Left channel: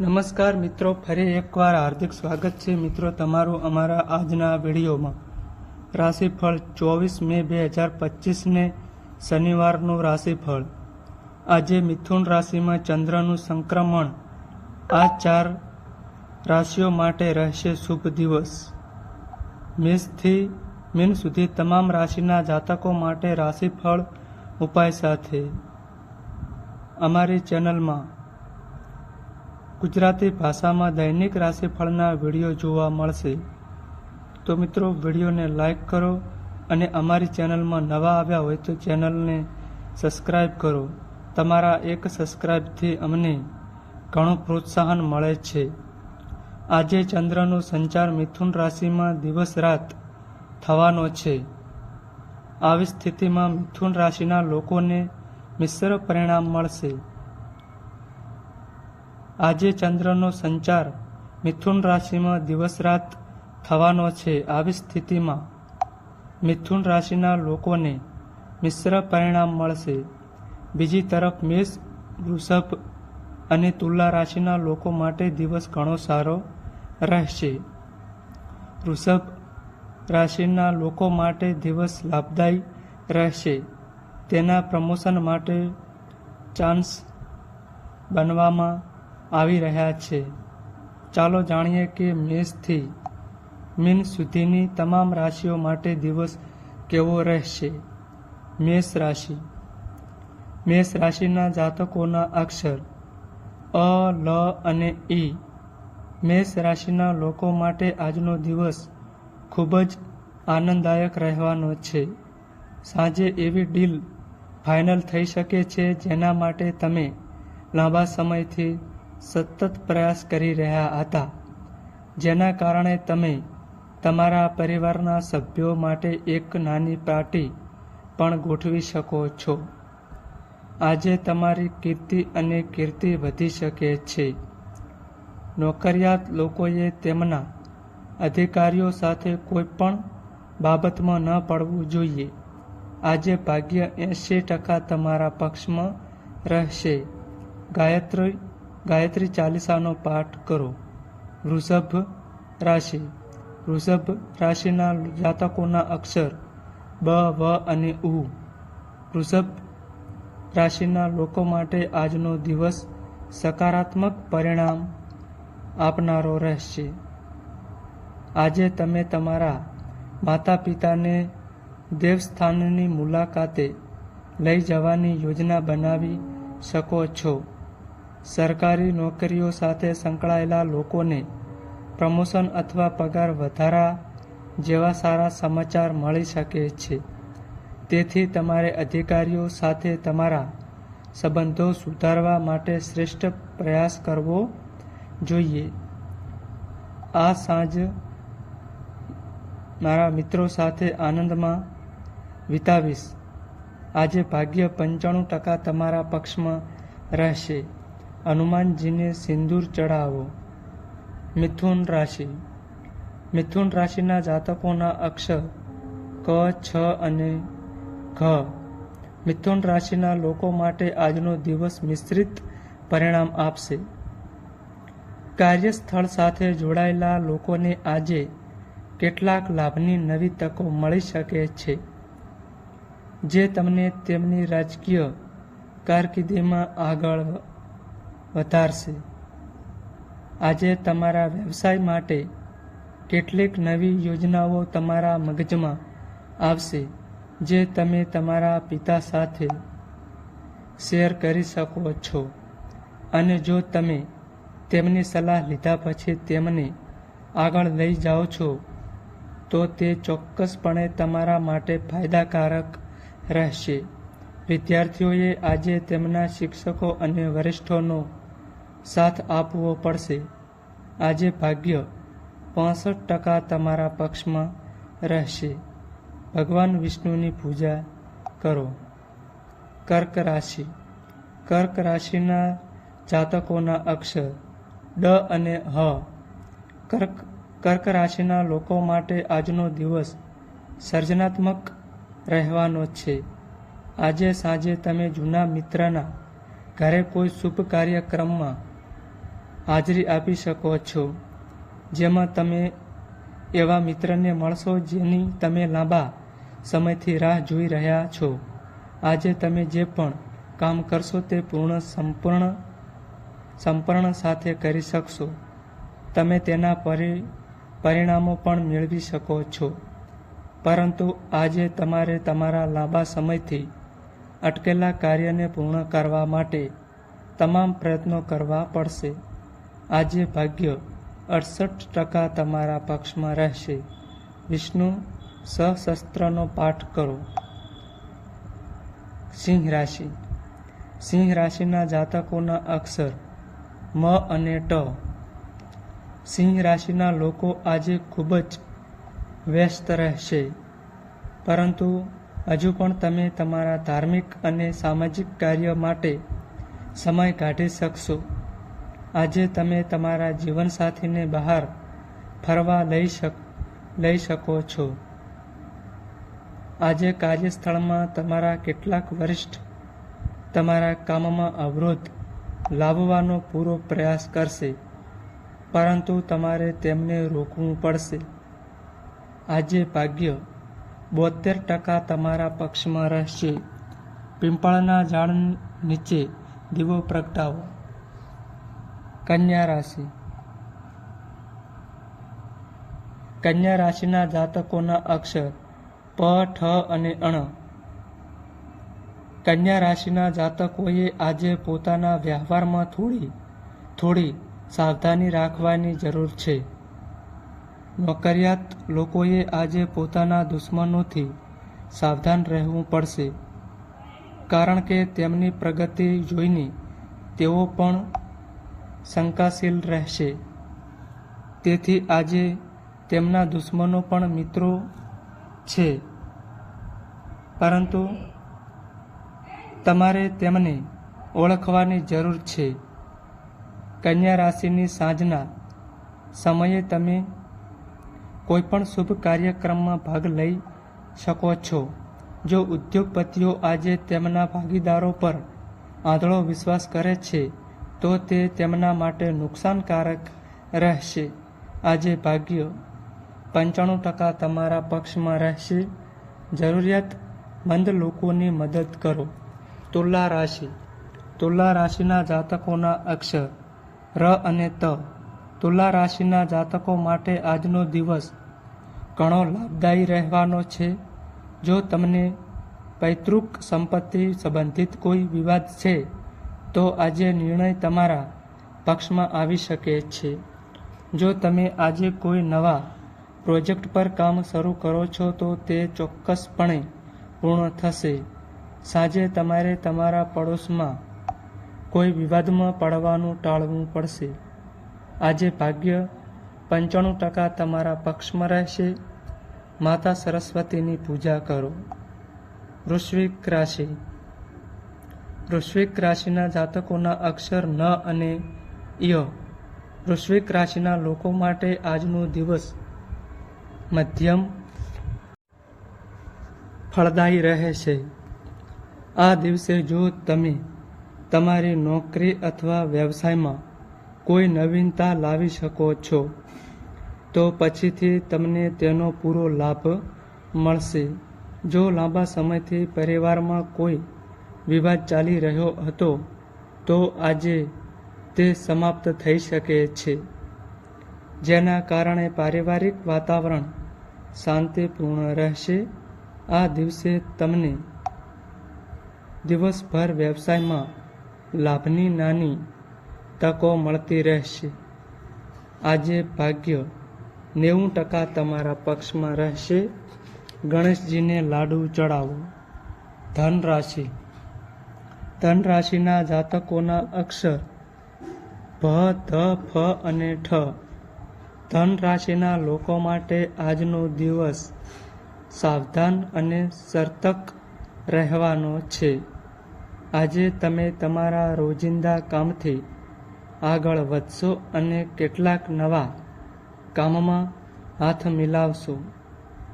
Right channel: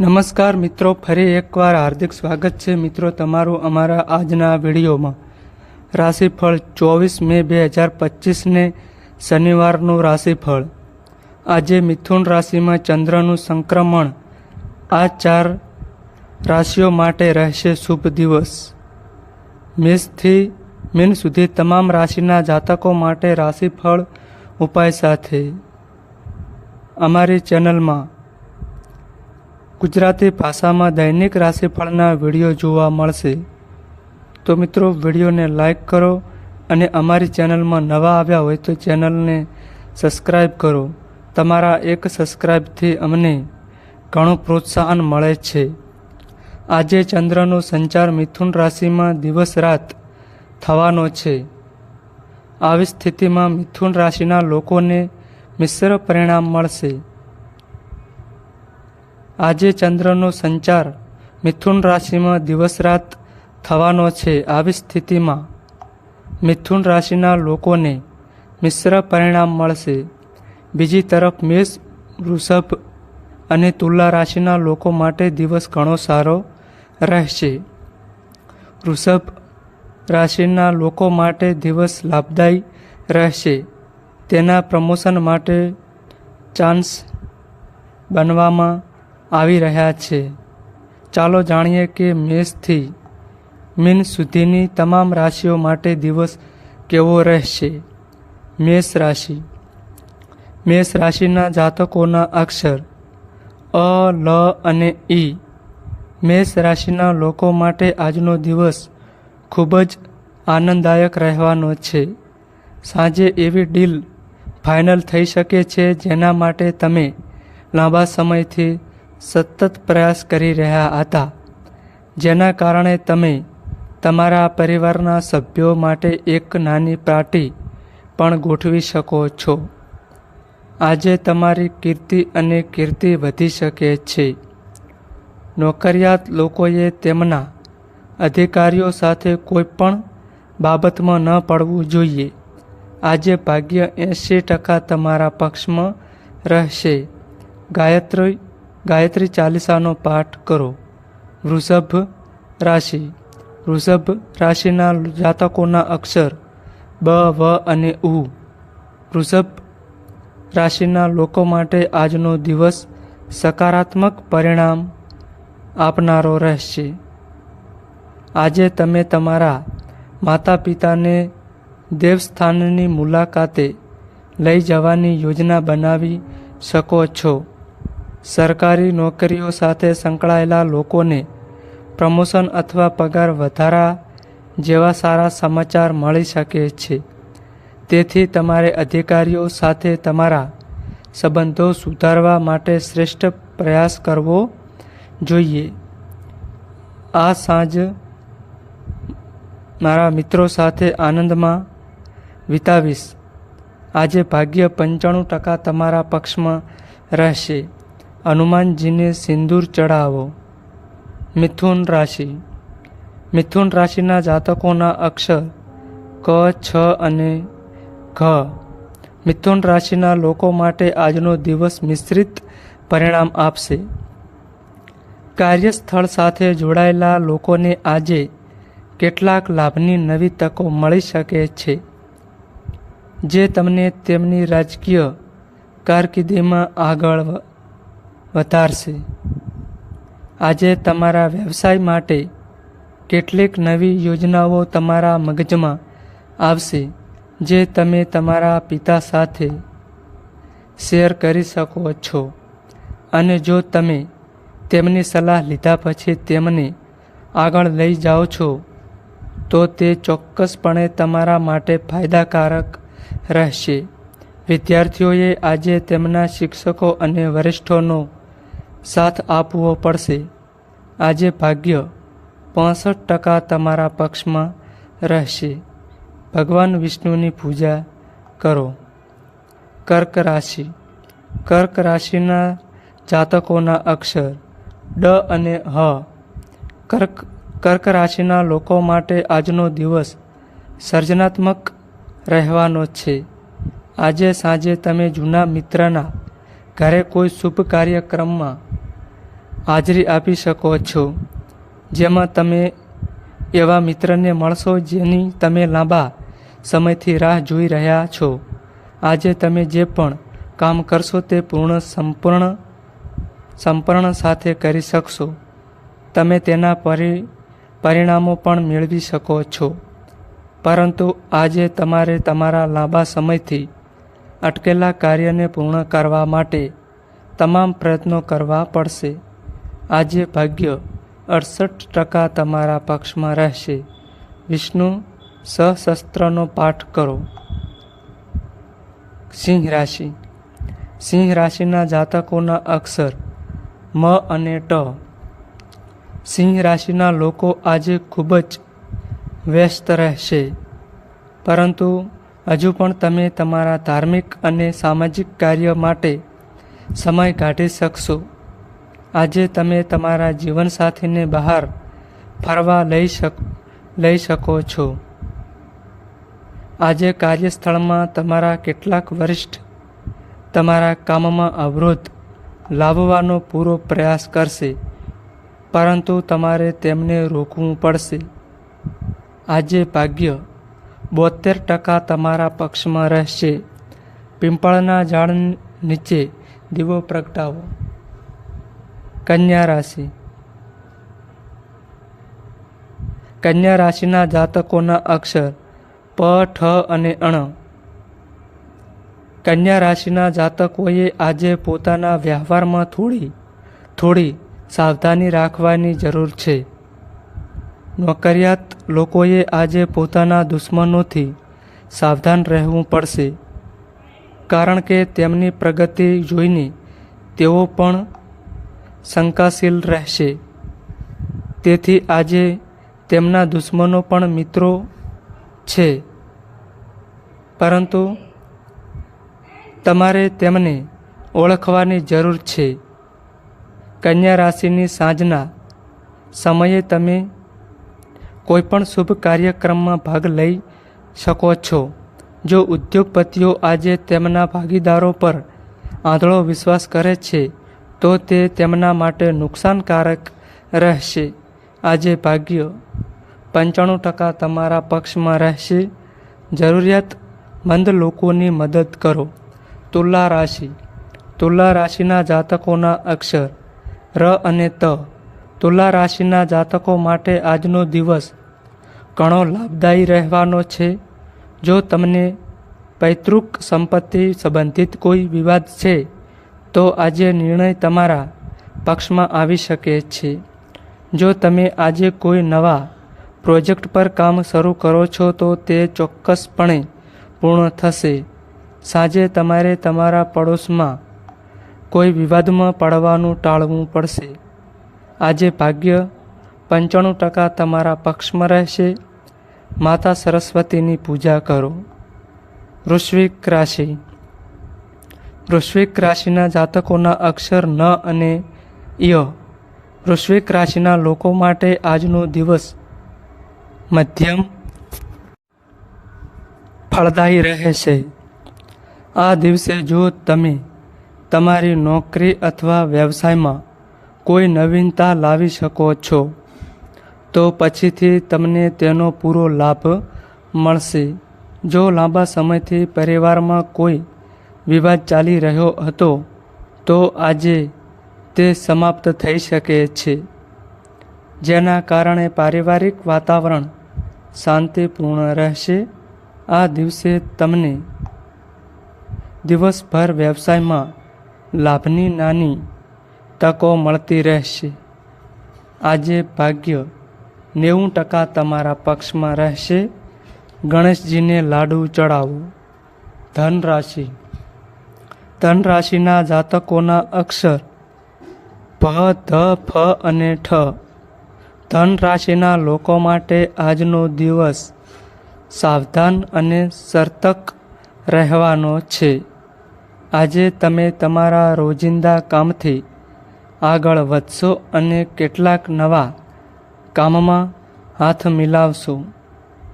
નમસ્કાર મિત્રો, ફરી એકવાર હાર્દિક સ્વાગત છે મિત્રો તમારું અમારા આજના વિડીયોમાં. રાશિફળ ચોવીસ મે બે હજાર પચીસને શનિવારનું રાશિફળ. આજે મિથુન રાશિમાં ચંદ્રનું સંક્રમણ. આ ચાર રાશિઓ માટે રહેશે શુભ દિવસ. મેષથી મીન સુધી તમામ રાશિના જાતકો માટે રાશિફળ ઉપાય સાથે. અમારી ચેનલમાં ગુજરાતી ભાષામાં દૈનિક રાશિફળના વીડિયો જોવા મળશે. તો મિત્રો, વિડીયોને લાઈક કરો અને અમારી ચેનલમાં નવા આવ્યા હોય તો ચેનલને સબસ્ક્રાઈબ કરો. તમારા એક સબસ્ક્રાઈબથી અમને ઘણું પ્રોત્સાહન મળે છે. આજે ચંદ્રનો સંચાર મિથુન રાશિમાં દિવસ રાત થવાનો છે. આવી સ્થિતિમાં મિથુન રાશિના લોકોને મિશ્ર પરિણામ મળશે. આજે ચંદ્રનો સંચાર મિથુન રાશિમાં દિવસ રાત થવાનો છે આવી સ્થિતિમાં મિથુન રાશિના લોકોને મિશ્ર પરિણામ મળશે. બીજી તરફ મેષ, વૃષભ અને તુલા રાશિના લોકો માટે દિવસ ઘણો સારો રહેશે. વૃષભ રાશિના લોકો માટે દિવસ લાભદાયી રહેશે. તેના પ્રમોશન માટે ચાન્સ બનવામાં આવી રહ્યા છે. ચાલો જાણીએ કે મેષથી મીન સુધીની તમામ રાશિઓ માટે દિવસ કેવો રહેશે? મેષ રાશિ. મેષ રાશિના જાતકોના અક્ષર અ, લ અને ઈ મેષ રાશિના લોકો માટે આજનો દિવસ ખૂબ જ આનંદદાયક રહેવાનો છે. સાંજે એવી ડીલ ફાઇનલ થઈ શકે છે જેના માટે તમે લાંબા સમયથી સતત પ્રયાસ કરી રહ્યા હતા. જેના કારણે તમે તમારા પરિવારના સભ્યો માટે એક નાની પાર્ટી પણ ગોઠવી શકો છો. આજે તમારી કીર્તિ અને કીર્તિ વધી શકે છે. નોકરિયાત લોકોએ તેમના અધિકારીઓ સાથે કોઈ પણ બાબતમાં ન પડવું જોઈએ. આજે ભાગ્ય એંશી ટકા તમારા પક્ષમાં રહેશે. ગાયત્રી ગાયત્રી ચાલીસાનો પાઠ કરો. વૃષભ રાશિ. વૃષભ રાશિના જાતકોના અક્ષર બ, વ અને ઉ. વૃષભ રાશિના લોકો માટે આજનો દિવસ સકારાત્મક પરિણામ આપનારો રહેશે. આજે તમે તમારા માતા પિતાને દેવસ્થાનની મુલાકાતે લઈ જવાની યોજના બનાવી શકો છો. સરકારી નોકરીઓ સાથે સંકળાયેલા લોકોને પ્રમોશન અથવા પગાર વધારા જેવા સારા સમાચાર મળી શકે છે. તેથી તમારે અધિકારીઓ સાથે તમારા સંબંધો સુધારવા માટે શ્રેષ્ઠ પ્રયાસ કરવો જોઈએ. આ સાંજ મારા મિત્રો સાથે આનંદમાં વિતાવીશ. આજે ભાગ્ય પંચાણું ટકા તમારા પક્ષમાં રહેશે. હનુમાનજીને સિંદૂર ચઢાવો. મિથુન રાશિ. મિથુન રાશિના જાતકોના અક્ષર ક, છ અને ઘ. મિથુન રાશિના લોકો માટે આજનો દિવસ મિશ્રિત પરિણામ આપશે. કાર્યસ્થળ સાથે જોડાયેલા લોકોને આજે કેટલાક લાભની નવી તકો મળી શકે છે. જે તમને તેમની રાજકીય કારકિર્દીમાં આગળ વધારશે. આજે તમારા વ્યવસાય માટે કેટલીક નવી યોજનાઓ તમારા મગજમાં આવશે, જે તમે તમારા પિતા સાથે શેર કરી શકો છો. અને જો તમે તેમની સલાહ લીધા પછી તેમને આગળ લઈ જાઓ છો, તો તે ચોક્કસપણે તમારા માટે ફાયદાકારક રહેશે. વિદ્યાર્થીઓએ આજે તેમના શિક્ષકો અને વરિષ્ઠોનો સાથ આપવો પડશે. આજે ભાગ્ય પાસઠ ટકા તમારા પક્ષમાં રહેશે. ભગવાન વિષ્ણુની પૂજા કરો. કર્ક રાશિ. કર્ક રાશિના જાતકોના અક્ષર ડ અને હ. કર્ક કર્ક રાશિના લોકો માટે આજનો દિવસ સર્જનાત્મક રહેવાનો છે. આજે સાંજે તમે જૂના મિત્રના ઘરે કોઈ શુભ કાર્યક્રમમાં હાજરી આપી શકો છો. જેમાં તમે એવા મિત્રને મળશો જેની તમે લાંબા સમયથી રાહ જોઈ રહ્યા છો. આજે તમે જે પણ કામ કરશો તે પૂર્ણ સંપૂર્ણ સંપૂર્ણ સાથે કરી શકશો. તમે તેના પરિ પરિણામો પણ મેળવી શકો છો. પરંતુ આજે તમારે તમારા લાંબા સમયથી અટકેલા કાર્યને પૂર્ણ કરવા માટે તમામ પ્રયત્નો કરવા પડશે. આજે ભાગ્ય અડસઠ ટકા તમારા પક્ષમાં રહેશે. વિષ્ણુ સહસ્ત્રનો પાઠ કરો. સિંહ રાશિ. સિંહ રાશિના જાતકોના અક્ષર મ અને ટ. સિંહ રાશિના લોકો આજે ખૂબ જ વ્યસ્ત રહેશે. પરંતુ હજુ પણ તમે તમારા ધાર્મિક અને સામાજિક કાર્ય માટે સમય કાઢી શકશો. આજે તમે તમારા જીવનસાથીને બહાર ફરવા લઈ શક, લઈ શકો છો. આજે કાર્યસ્થળમાં તમારા કેટલાક વરિષ્ઠ તમારા કામમાં અવરોધ લાવવાનો પૂરો પ્રયાસ કરશે, પરંતુ તમારે તેમને રોકવું પડશે. આજે ભાગ્ય બોતેર ટકા તમારા પક્ષમાં રહેશે. પીંપળના ઝાડ નીચે દીવો પ્રગટાવો. કન્યા રાશિ. કન્યા રાશિના જાતકોના અક્ષર પ, ઠ અને અણ. કન્યા રાશિના જાતકોએ આજે પોતાના વ્યવહારમાં થોડી થોડી સાવધાની રાખવાની જરૂર છે. નોકરિયાત લોકોએ આજે પોતાના દુશ્મનોથી સાવધાન રહેવું પડશે. કારણ કે તેમની પ્રગતિ જોઈને તેઓ પણ શંકાશીલ રહેશે. તેથી આજે તેમના દુશ્મનો પણ મિત્રો છે. પરંતુ તમારે તેમને ઓળખવાની જરૂર છે. કન્યા રાશિની સાંજના સમયે તમે કોઈપણ શુભ કાર્યક્રમમાં ભાગ લઈ શકો છો. જો ઉદ્યોગપતિઓ આજે તેમના ભાગીદારો પર આંધળો વિશ્વાસ કરે છે તો તે તેમના માટે નુકસાનકારક રહેશે. આજે ભાગ્ય, પંચાણું ટકા તમારા પક્ષમાં રહેશે. જરૂરિયાતમંદ લોકોની મદદ કરો. તુલા રાશિ. તુલા રાશિના જાતકોના અક્ષર, ર અને ત. તુલા રાશિના જાતકો માટે આજનો દિવસ ઘણો લાભદાયી રહેવાનો છે. જો તમને પૈતૃક સંપત્તિ સંબંધિત કોઈ વિવાદ છે તો આજે નિર્ણય તમારા પક્ષમાં આવી શકે છે. જો તમે આજે કોઈ નવા પ્રોજેક્ટ પર કામ શરૂ કરો છો, તો તે ચોક્કસપણે પૂર્ણ થશે. સાંજે તમારે તમારા પડોશમાં કોઈ વિવાદમાં પડવાનું ટાળવું પડશે. આજે ભાગ્ય પંચાણું ટકા તમારા પક્ષમાં રહેશે. માતા સરસ્વતીની પૂજા કરો. વૃશ્વિક રાશિ. વૃશ્વિક રાશિના જાતકોના અક્ષર ન અને ય. વૃશ્વિક રાશિના લોકો માટે આજનો દિવસ મધ્યમ ફળદાયી રહે છે આ દિવસે જો તમે તમારી નોકરી અથવા વ્યવસાયમાં કોઈ નવીનતા લાવી શકો છો, તો પછીથી તમને તેનો પૂરો લાભ મળશે. જો લાંબા સમયથી પરિવારમાં કોઈ વિવાદ ચાલી રહ્યો હતો, તો આજે તે સમાપ્ત થઈ શકે છે. જેના કારણે પારિવારિક વાતાવરણ શાંતિપૂર્ણ રહેશે. આ દિવસે તમને દિવસભર વ્યવસાયમાં લાભની નાની તકો મળતી રહેશે. આજે ભાગ્ય નેવું ટકા તમારા પક્ષમાં રહેશે. ગણેશજીને લાડુ ચડાવો. ધન રાશિ ધન રાશિના જાતકોના અક્ષર ભ ધ, ફ અને ઠ. ધન રાશિના લોકો માટે આજનો દિવસ સાવધાન અને સર્તક રહેવાનો છે. આજે તમે તમારા રોજિંદા કામથી આગળ વધશો અને કેટલાક નવા કામમાં હાથ મિલાવશો,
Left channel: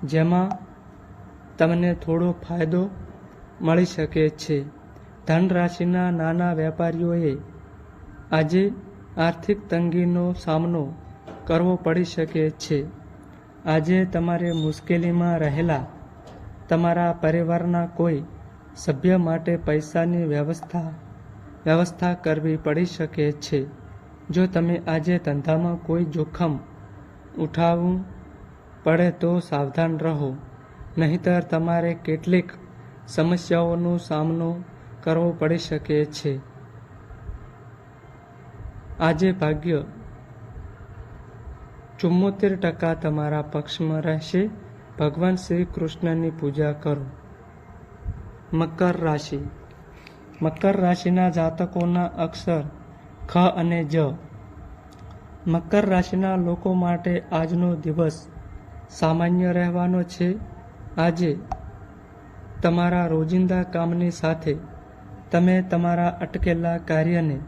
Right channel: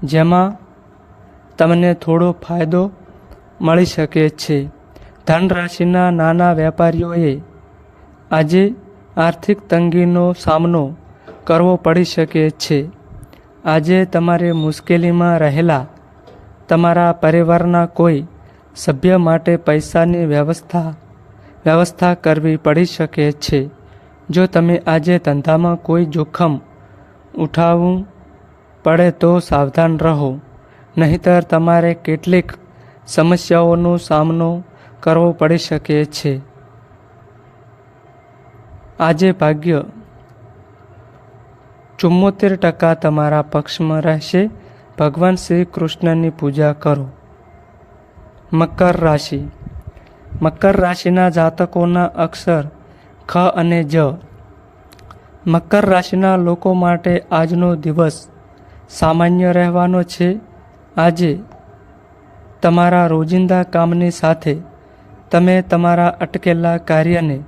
જેમાં તમને થોડો ફાયદો મળી શકે છે. ધન રાશિના નાના વેપારીઓએ આજે આર્થિક તંગીનો સામનો કરવો પડી શકે છે. આજે તમારે મુશ્કેલીમાં રહેલા તમારા પરિવારના કોઈ સભ્ય માટે પૈસાની વ્યવસ્થા વ્યવસ્થા કરવી પડી શકે છે. જો તમે આજે ધંધામાં કોઈ જોખમ ઉઠાવવું પડે તો સાવધાન રહો, નહીંતર તમારે કેટલીક સમસ્યાઓનો સામનો કરવો પડી શકે છે. આજે ભાગ્ય ચુમ્મોતેર ટકા તમારા પક્ષમાં રહેશે. ભગવાન શ્રી કૃષ્ણની પૂજા કરો. મકર રાશિ. મકર રાશિના જાતકોના અક્ષર ખ અને જ. મકર રાશિના લોકો માટે આજનો દિવસ સામાન્ય રહેવાનો છે. આજે તમારા રોજિંદા કામની સાથે તમે તમારા અટકેલા કાર્યને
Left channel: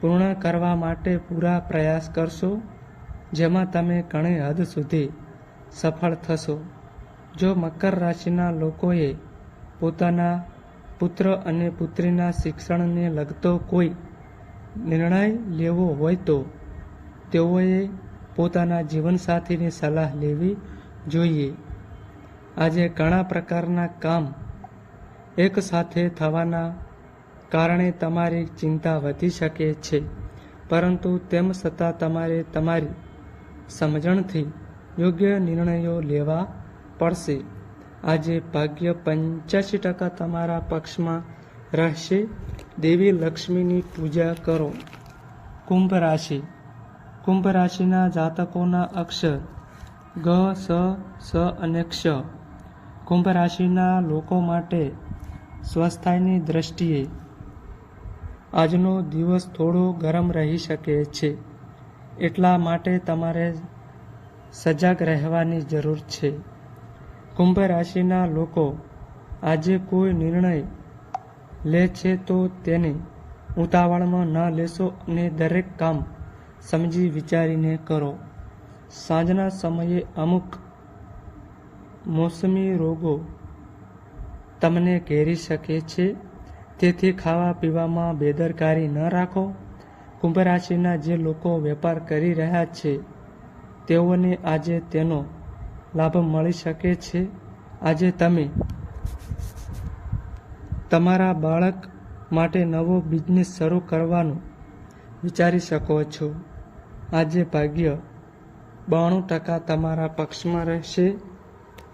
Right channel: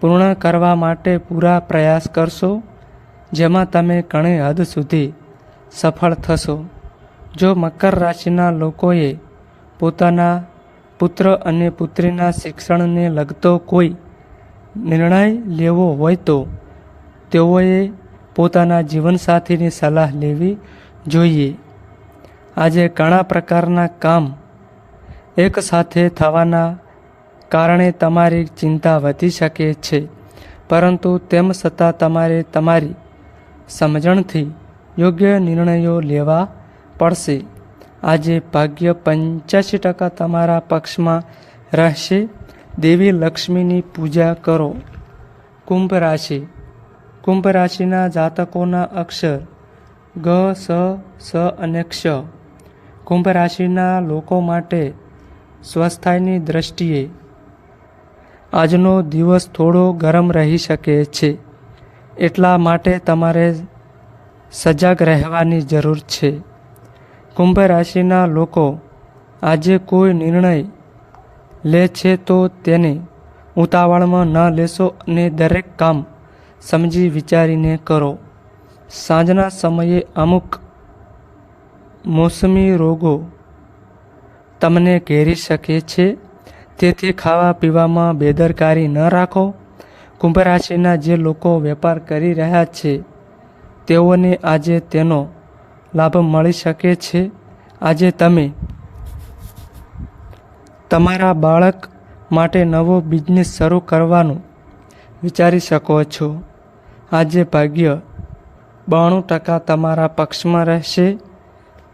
પૂર્ણ કરવા માટે પૂરા પ્રયાસ કરશો, જેમાં તમે ઘણી હદ સુધી સફળ થશો. જો મકર રાશિના લોકોએ પોતાના પુત્ર અને પુત્રીના શિક્ષણને લગતો કોઈ નિર્ણય લેવો હોય તો તેઓએ પોતાના જીવનસાથીની સલાહ લેવી જોઈએ. આજે ઘણા પ્રકારના કામ એકસાથે થવાના કારણે તમારી ચિંતા વધી શકે છે. પરંતુ તેમ છતાં તમારે તમારી સમજણથી યોગ્ય નિર્ણયો લેવા પડશે. આજે ભાગ્ય પંચ્યાસી ટકા તમારા પક્ષમાં રહેશે. દેવી લક્ષ્મીની પૂજા કરો. કુંભ રાશિ. કુંભ રાશિના જાતકોના અક્ષર ગ, સ સ અને ક્ષ. કુંભ રાશિના લોકો માટે સ્વસ્થાયની દ્રષ્ટિએ આજનો દિવસ થોડો ગરમ રહી શકે છે. એટલા માટે તમારે સજાગ રહેવાની જરૂર છે. કુંભ રાશિના લોકો આજે કોઈ નિર્ણય લે છે તો તેને ઉતાવળમાં ન લેશો અને દરેક કામ સમજી વિચારીને કરો. સાંજના સમયે અમુક મોસમી રોગો તમને ઘેરી શકે છે. તેથી ખાવા પીવામાં બેદરકારી ન રાખો. કુંભ રાશિના જે લોકો વેપાર કરી રહ્યા છે, તેઓને આજે તેનો લાભ મળી શકે છે. આજે તમે તમારા બાળક માટે નવો બિઝનેસ શરૂ કરવાનું વિચારી શકો છો. આજે ભાગ્ય બાણું ટકા તમારા પક્ષમાં રહેશે.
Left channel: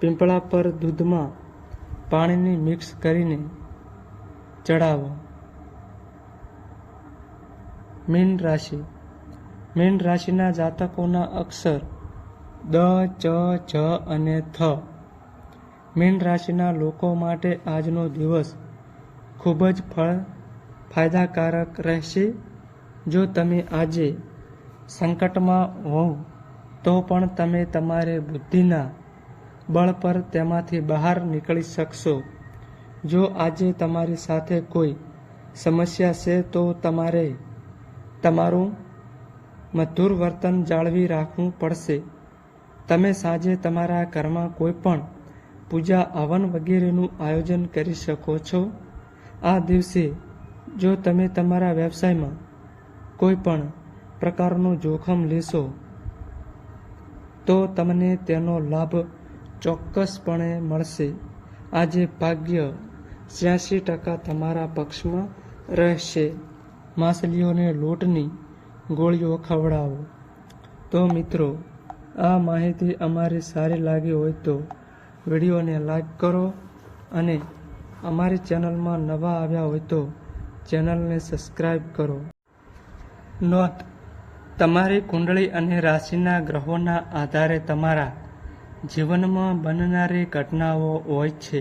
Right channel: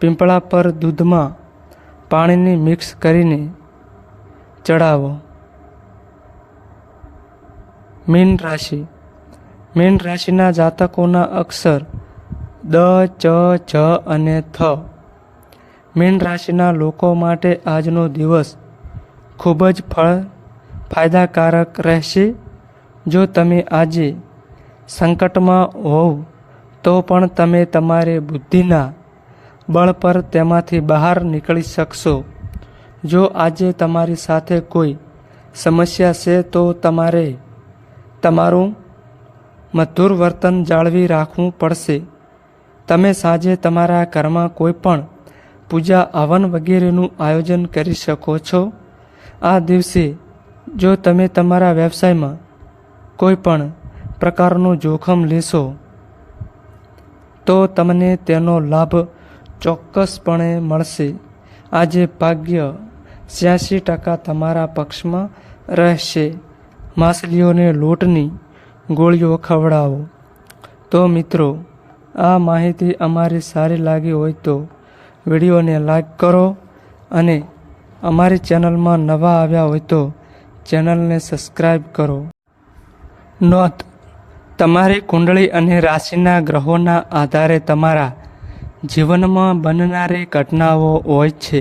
પીંપળા પર દૂધમાં પાણીને મિક્સ કરીને ચડાવો મીન રાશિ. મીન રાશિના જાતકોના અક્ષર દ, ચ જ અને થ. મીન રાશિના લોકો માટે આજનો દિવસ ખૂબ જ ફળ ફાયદાકારક રહેશે. જો તમે આજે સંકટમાં હોવ, તો પણ તમે તમારી બુદ્ધિના બળ પર તેમાંથી બહાર નીકળી શકશો. જો આજે તમારી સાથે કોઈ સમસ્યા છે, તો તમારે તમારું મધુર વર્તન જાળવી રાખવું પડશે. તમે સાંજે તમારા ઘરમાં કોઈ પણ પૂજા, હવન વગેરેનું આયોજન કરી શકો છો. આ દિવસે જો તમે તમારા વ્યવસાયમાં કોઈ પણ પ્રકારનું જોખમ લેશો, તો તમને તેનો લાભ ચોક્કસપણે મળશે. આજે ભાગ્ય છ્યાસી ટકા તમારા પક્ષમાં રહેશે. માછલીઓને લોટની ગોળીઓ ખવડાવો. તો મિત્રો, આ માહિતી અમારી સારી લાગી હોય તો વિડીયોને લાઈક કરો અને અમારી ચેનલમાં નવા આવ્યા હોય તો ચેનલને સબસ્ક્રાઈબ કરો. નોંધ, તમારી કુંડળી અને રાશિના ગ્રહોના આધારે તમારા જીવનમાં બનનારી ઘટનાઓ હોય છે.